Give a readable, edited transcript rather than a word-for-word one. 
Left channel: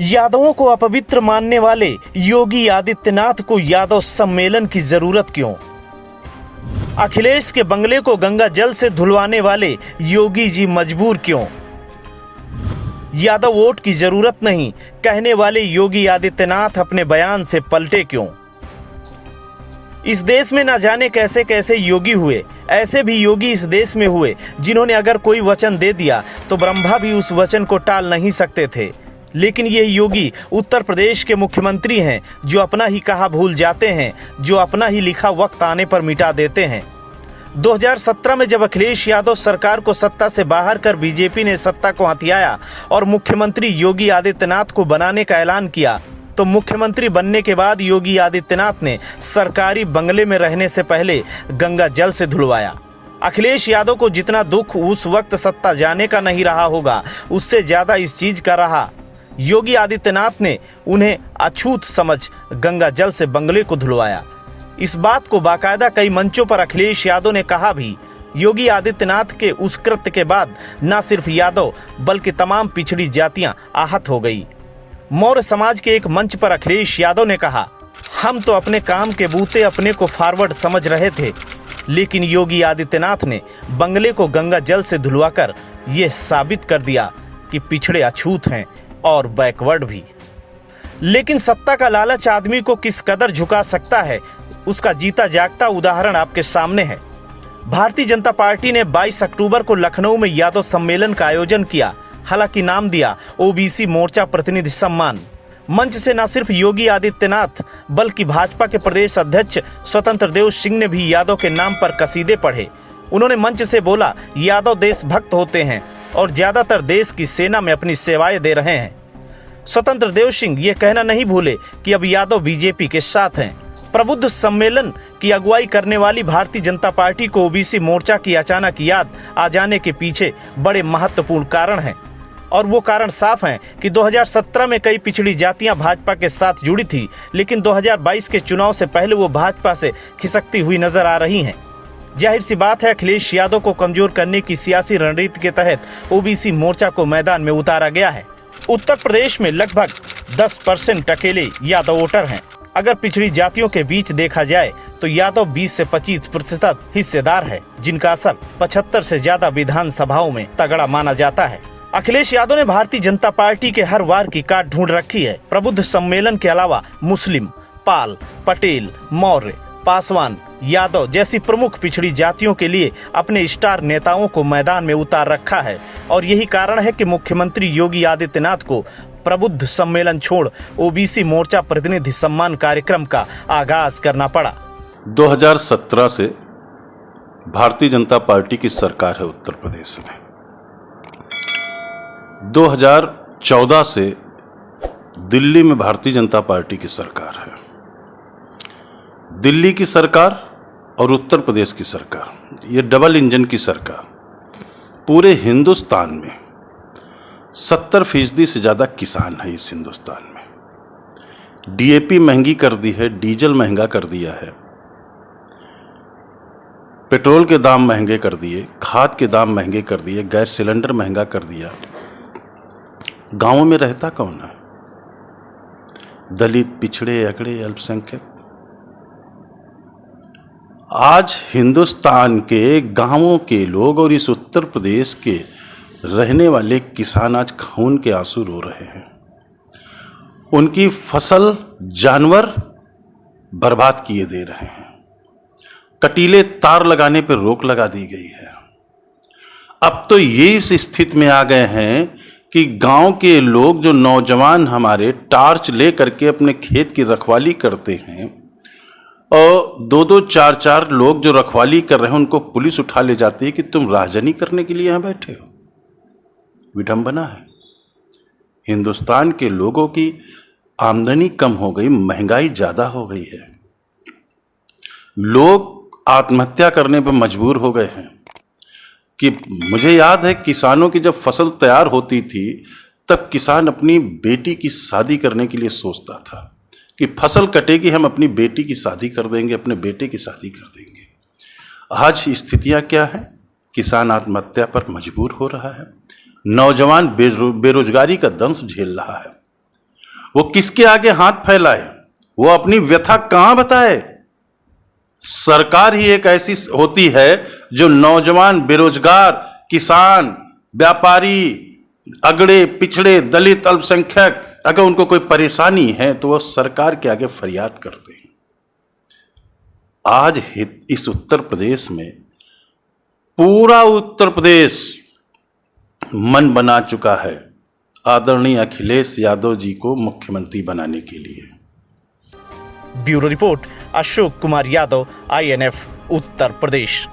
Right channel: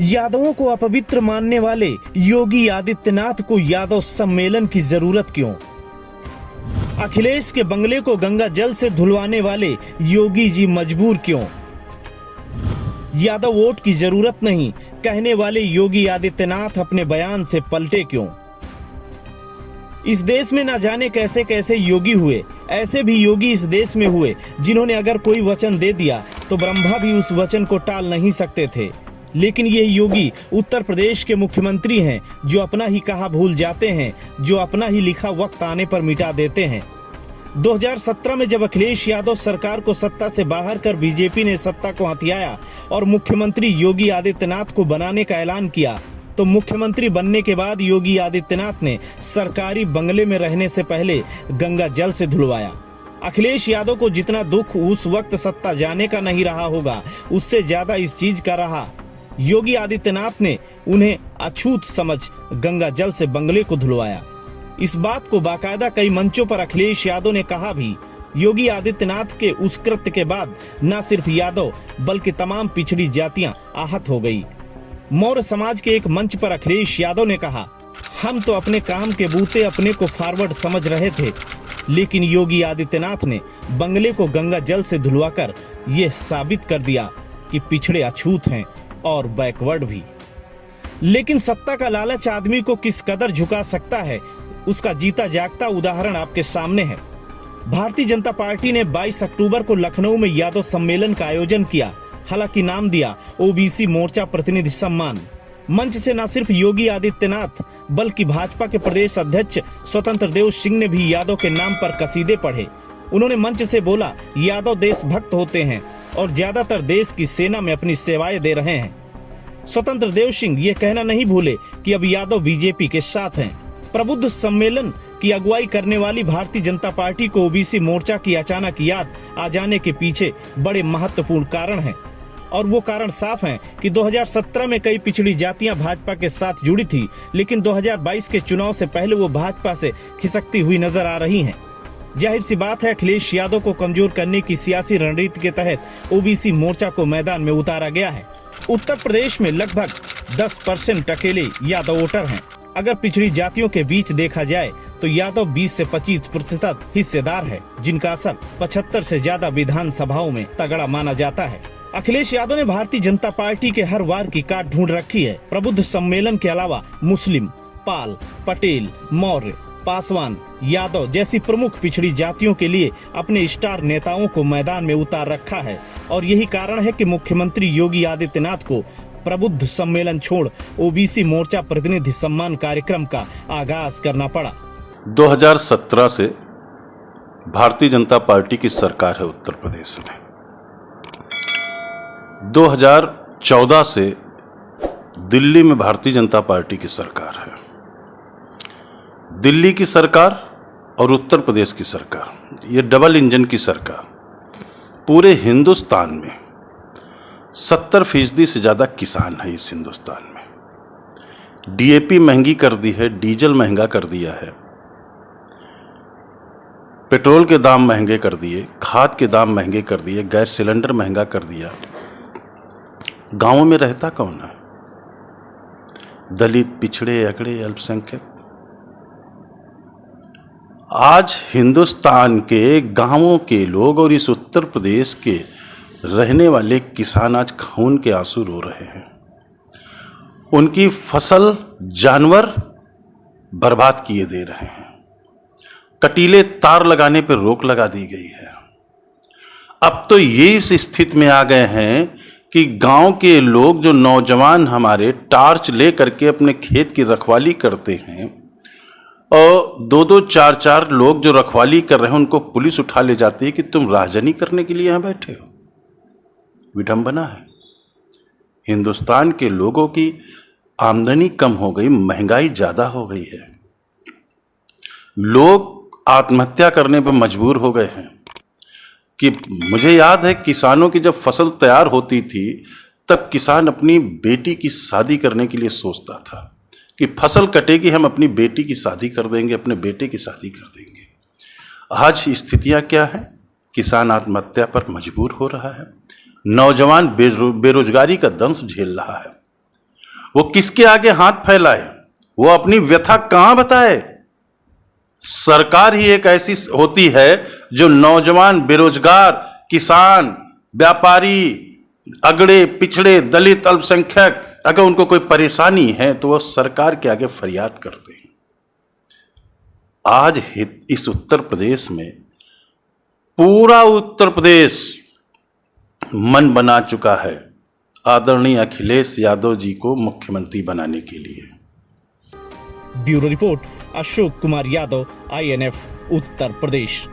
यादवों को अपवित्र मानने वाले योगी आदित्यनाथ को यादव सम्मेलन की जरूरत क्यों? अखिलेश के बंगले को गंगा जल से धुलवाने वाले योगी जी मजबूर क्यों? यादव वोट की जरूरत नहीं कहने वाले योगी आदित्यनाथ अपने बयान से पलटे क्यों? इस देश में ना जाने कैसे कैसे योगी हुए। ऐसे भी योगी इस देश में हुए जिन्होंने अगर कोई वचन दे दिया तो ब्रह्मा भी उस वचन को टाल नहीं सकते थे। लेकिन ये योगी उत्तर प्रदेश के मुख्यमंत्री हैं जो अपना ही कहा भूल जाते हैं, जो अपना ही लिखा वक्त आने पर मिटा देते हैं। 2017 में जब अखिलेश यादव सरकार को सत्ता से बाहर कर बीजेपी ने सत्ता को हथियाया और मुख्यमंत्री योगी आदित्यनाथ को बनाने का ऐलान किया, तो मुख्यमंत्री बनने के बाद योगी आदित्यनाथ ने सरकारी बंगले में रहने से पहले गंगा जल से धुलवाया। अखिलेश यादव को जितना दुख उस वक्त सत्ता जाने का नहीं रहा होगा, उससे ज्यादा इस चीज का रहा। योगी आदित्यनाथ ने उन्हें अछूत समझ गंगा जल से बंगले को धुलवाया। इस बात को बाकायदा कई मंचों पर अखिलेश यादव ने कहा भी। योगी आदित्यनाथ के उस कृत्य के बाद न सिर्फ यादव बल्कि तमाम पिछड़ी जातियां आहत हो गई। मौर्य समाज के एक मंच पर अखिलेश यादव ने कहा, हम तो अपने काम के बूते अपने को फॉरवर्ड समझ रहे थे, लेकिन योगी आदित्यनाथ ने बंगले को गंगा जल से धुलवाकर यह साबित कर दिया कि पिछड़े अछूत हैं और बैकवर्ड भी। लेकिन सत्ता का लालच आदमी को किस कदर झुका सकता है, उसका जीता जागता उदाहरण आपके सामने है। भारतीय जनता पार्टी ने 22 अक्टूबर को लखनऊ में यादव सम्मेलन का आयोजन किया। हालांकि नाम दिया ओबीसी मोर्चा प्रतिनिधि सम्मान। मंच से न सिर्फ योगी आदित्यनाथ बल्कि भाजपा के प्रदेश अध्यक्ष स्वतंत्र देव सिंह ने भी यादव के नाम पर कसीदे पढ़े। उन्होंने मंच से बोला, यादव देशभक्त होते हैं और ज्यादातर देश की सेना में अपनी सेवाएं दे रहे हैं। स्वतंत्र देव सिंह ये कहना नहीं भूले कि अब यादव बीजेपी के साथ हैं। प्रबुद्ध सम्मेलन की अगुवाई करने वाली भारतीय जनता पार्टी को ओबीसी मोर्चा की अचानक याद आ जाने के पीछे बड़े महत्वपूर्ण कारण हैं, और वो कारण साफ हैं कि 2017 में कई पिछड़ी जातियां भाजपा के साथ जुड़ी थी, लेकिन 2022 के चुनाव से पहले वो भाजपा से खिसकती हुई नजर आ रही हैं। जाहिर सी बात है, अखिलेश यादव को कमजोर करने की सियासी रणनीति के तहत ओबीसी मोर्चा को मैदान में उतारा गया है। उत्तर प्रदेश में लगभग 10% अकेले यादव वोटर हैं। अगर पिछड़ी जातियों के बीच देखा जाए तो यादव 20 से 25% हिस्सेदार है, जिनका असर 75 से ज्यादा विधानसभाओं में तगड़ा माना जाता है। अखिलेश यादव ने भारतीय जनता पार्टी के हर वार की काट ढूंढ रखी है। प्रबुद्ध सम्मेलन के अलावा मुस्लिम, पाल, पटेल, मौर्य, पासवान, यादव जैसी प्रमुख पिछड़ी जातियों के लिए अपने स्टार नेताओं को मैदान में उतार रखा है, और यही कारण है कि मुख्यमंत्री योगी आदित्यनाथ को प्रबुद्ध सम्मेलन छोड़ ओबीसी मोर्चा प्रतिनिधि सम्मान कार्यक्रम का आगाज करना पड़ा। 2017 से भारतीय जनता पार्टी की सरकार है उत्तर प्रदेश में। 2014 से दिल्ली में भारतीय जनता पार्टी की सरकार है। दिल्ली की सरकार और उत्तर प्रदेश की सरकार, ये डबल इंजन की सरकार। पूरे हिंदुस्तान में 70% से ज़्यादा किसान है। इस हिंदुस्तान में डीएपी महंगी कर दी है, डीजल महंगा कर दिया है, पेट्रोल के दाम महंगे कर दिए, खाद के दाम महंगे कर दिए, गैस सिलेंडर महंगा कर दिया। गांवों में रहता कौन है? दलित, पिछड़े, अगड़े, अल्पसंख्यक। आज हिंदुस्तान के गांवों के लोग और इस उत्तर प्रदेश के रहने वाले किसान आज खून के आंसू रो रहे हैं। उनकी फसल जानवर बर्बाद किए दे रहे हैं। कटीले तार लगाने पर रोक लगा दी गई है। अब तो ये इस स्थिति में आ गए हैं कि गांव के लोग, जो नौजवान हमारे टार्च ले करके अपने खेत की रखवाली करते हैं, और 2-2, 4-4 लोग जो रखवाली कर रहे हैं उनको पुलिस उठा ले जाती है कि तुम राजनी करने के लिए यहां बैठे हो। विडंबना है। हिंदुस्तान के लोगों की आमदनी कम हो गई, महंगाई ज्यादा हो गई है। लोग आत्महत्या करने पर मजबूर हो गए हैं। कि मुझे याद है, किसानों की जब फसल तैयार होती थी तब किसान अपनी बेटी की शादी करने के लिए सोचता था कि फसल कटेगी, हम अपनी बेटी की शादी कर देंगे, अपने बेटे की शादी कर देंगे। आज स्थितियां क्या है? किसान आत्महत्या पर मजबूर हो रहा है। नौजवान बेरोजगारी का दंश झेल रहा है। वो किसके आगे हाथ फैलाए, वो अपनी व्यथा कहां बताए। सरकार ही एक ऐसी होती है जो नौजवान, बेरोजगार, किसान, व्यापारी, अगड़े पिछड़े, दलित, अल्पसंख्यक, अगर उनको कोई परेशानी है तो वो सरकार के आगे फरियाद करते हैं। आज इस उत्तर प्रदेश में पूरा उत्तर प्रदेश मन बना चुका है आदरणीय अखिलेश यादव जी को मुख्यमंत्री बनाने के लिए। Bureau report, Ashok Kumar Yadav, INF, Uttar Pradesh.